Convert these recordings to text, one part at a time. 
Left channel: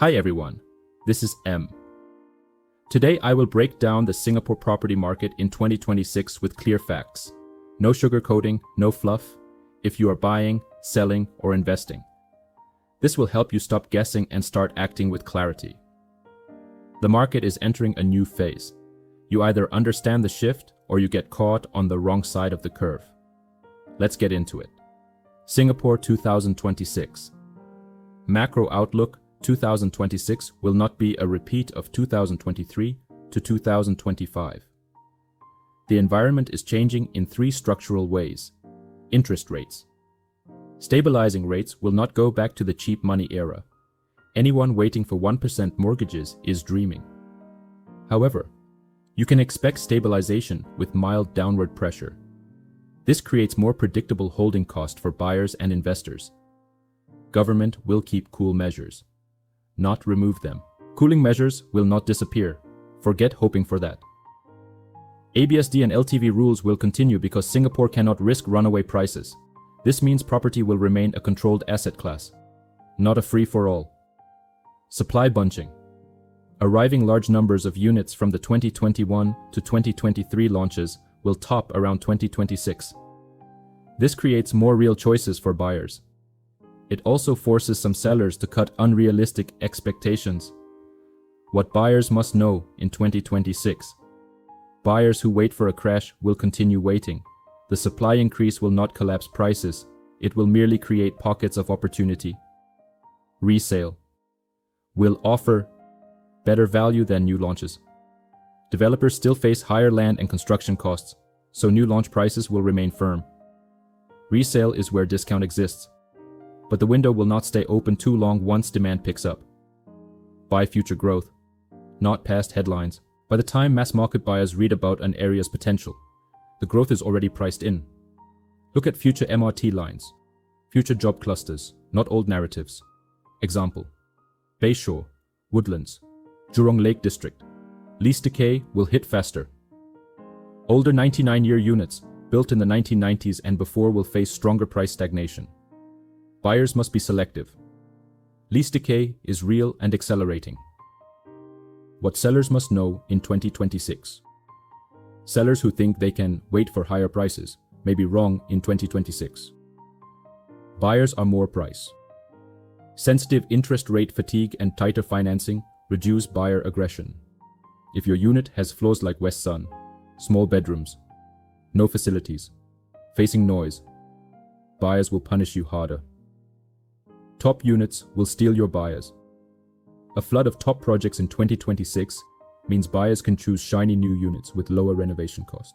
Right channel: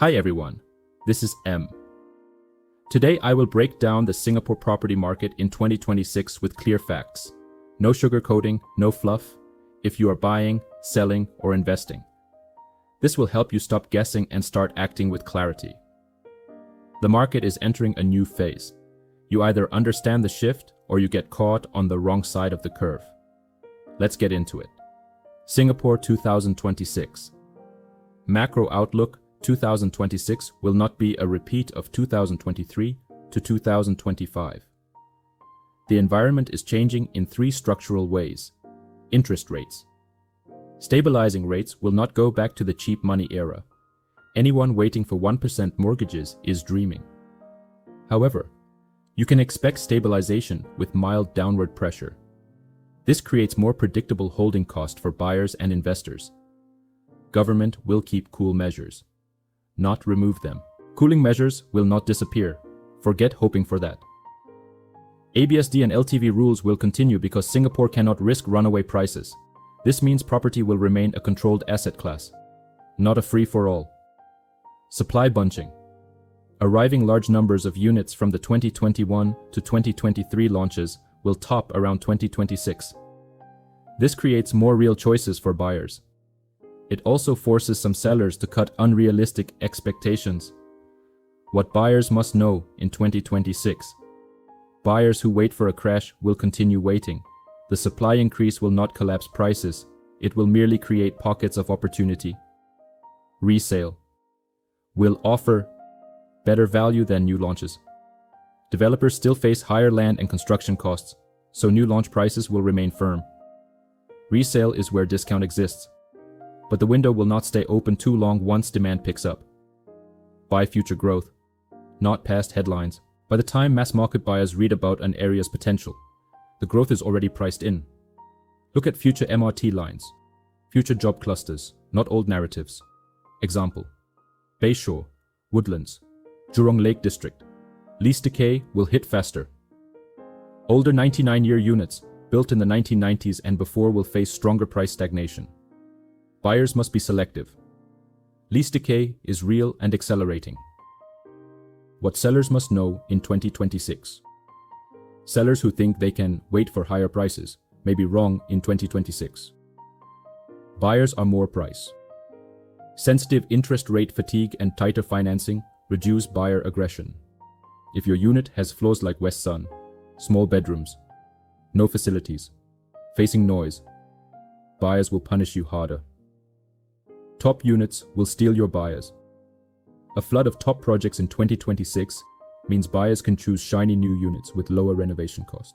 Hi everyone, this is M. Today I will break down the Singapore property market in 2026 with clear facts. No sugarcoating, no fluff, if you are buying, selling, or investing. This will help you stop guessing and start acting with clarity. The market is entering a new phase. You either understand the shift or you get caught on the wrong side of the curve. Let's get into it. Singapore 2026. Macro outlook 2026 will not be a repeat of 2023 to 2025. The environment is changing in three structural ways. Interest rates. Stabilizing rates will not go back to the cheap money era. Anyone waiting for 1% mortgages is dreaming. However, you can expect stabilization with mild downward pressure. This creates more predictable holding cost for buyers and investors. Government will keep cool measures, not remove them. Cooling measures will not disappear. Forget hoping for that. ABSD and LTV rules will continue because Singapore cannot risk runaway prices. This means property will remain a controlled asset class, not a free-for-all. Supply bunching. Arriving large numbers of units from the 2021 to 2023 launches will top around 2026. This creates more real choices for buyers. It also forces some sellers to cut unrealistic expectations. What buyers must know in 2026. Buyers who wait for a crash will continue waiting. The supply increase will not collapse prices. It will merely create pockets of opportunity. Resale will offer better value than new launches. Developers still face higher land and construction costs, so new launch prices will remain firm. Resale is where discount exists, but the window will not stay open too long once demand picks up. Buy future growth, not past headlines. By the time mass market buyers read about an area's potential, the growth is already priced in. Look at future MRT lines, future job clusters, not old narratives. Example: Bayshore, Woodlands, Jurong Lake District. Lease decay will hit faster. Older 99-year units, built in the 1990s and before, will face stronger price stagnation. Buyers must be selective. Lease decay is real and accelerating. What sellers must know in 2026. Sellers who think they can wait for higher prices may be wrong in 2026. Buyers are more price sensitive. Interest rate fatigue and tighter financing reduce buyer aggression. If your unit has floors like West Sun, small bedrooms, no facilities, facing noise, buyers will punish you harder. Top units will steal your buyers. A flood of top projects in 2026 means buyers can choose shiny new units with lower renovation cost.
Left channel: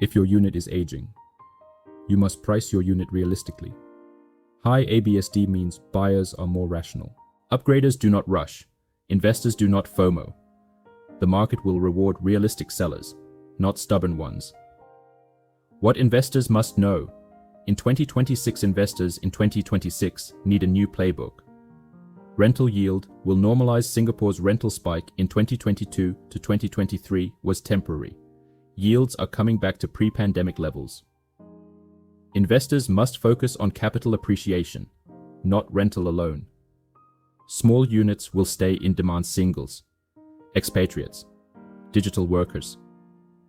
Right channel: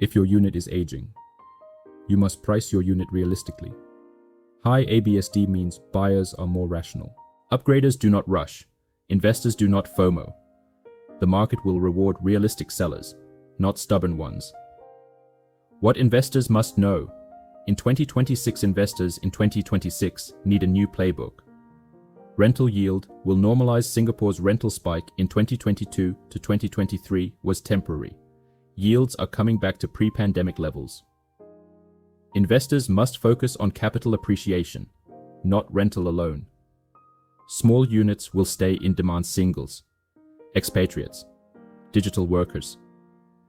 If your unit is aging, you must price your unit realistically. High ABSD means buyers are more rational. Upgraders do not rush. Investors do not FOMO. The market will reward realistic sellers, not stubborn ones. What investors must know. In 2026, investors in 2026 need a new playbook. Rental yield will normalize. Singapore's rental spike in 2022 to 2023 was temporary. Yields are coming back to pre-pandemic levels. Investors must focus on capital appreciation, not rental alone. Small units will stay in demand. Singles, expatriates, digital workers.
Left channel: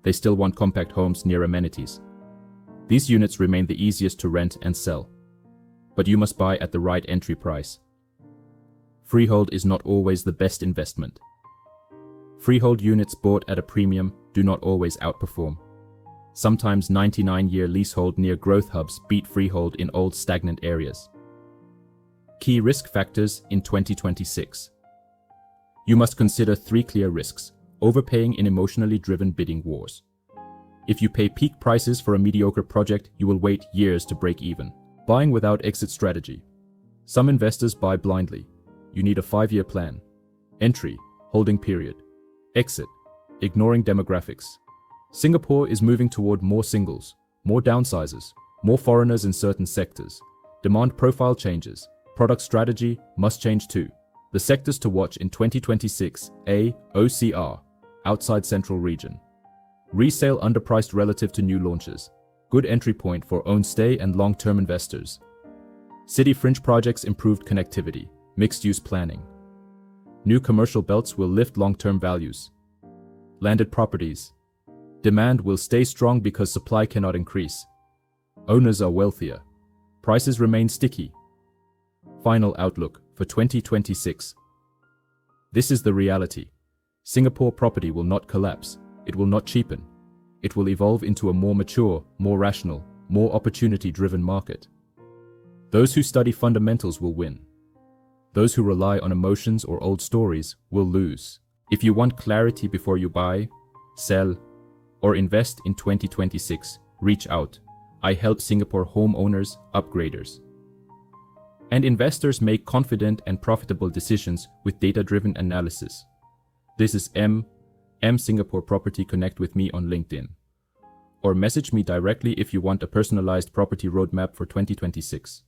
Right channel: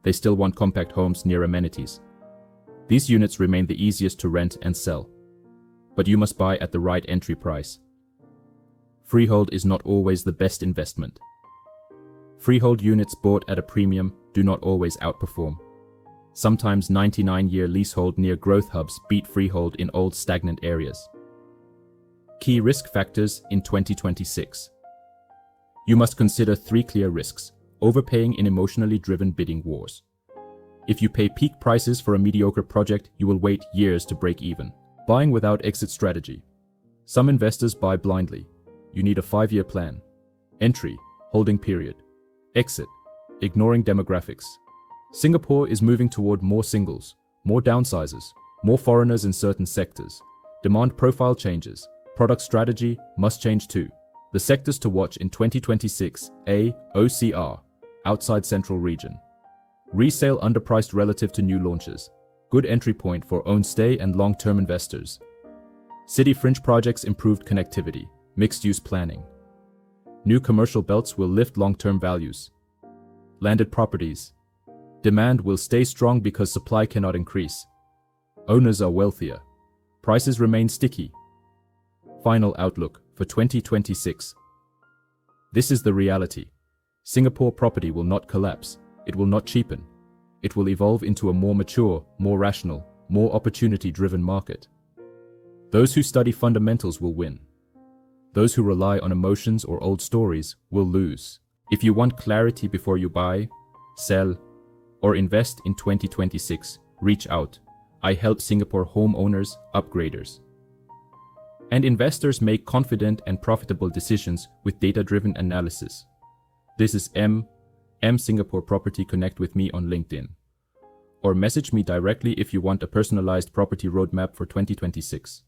They still want compact homes near amenities. These units remain the easiest to rent and sell, but you must buy at the right entry price. Freehold is not always the best investment. Freehold units bought at a premium do not always outperform. Sometimes 99-year leasehold near growth hubs beat freehold in old stagnant areas. Key risk factors in 2026. You must consider three clear risks: overpaying in emotionally driven bidding wars. If you pay peak prices for a mediocre project, you will wait years to break even. Buying without exit strategy. Some investors buy blindly. You need a 5-year plan. Entry, holding period. Exit, ignoring demographics. Singapore is moving toward more singles, more downsizers, more foreigners in certain sectors. Demand profile changes. Product strategy must change too. The sectors to watch in 2026: A. OCR, outside central region. Resale underpriced relative to new launches. Good entry point for own stay and long-term investors. City fringe projects improved connectivity. Mixed-use planning. New commercial belts will lift long-term values. Landed properties. Demand will stay strong because supply cannot increase. Owners are wealthier. Prices remain sticky. Final outlook for 2026. This is the reality. Singapore property will not collapse. It will not cheapen. It will evolve into a more mature, more rational, more opportunity-driven market. Those who study fundamentals will win. Those who rely on emotions or old stories will lose. If you want clarity before you buy, sell, or invest in 2026, reach out. I help Singapore homeowners, upgraders, and investors make confident and profitable decisions with data-driven analysis. This is M Singapore Property. Connect with me on LinkedIn. Or message me directly if you want a personalized property roadmap for 2026.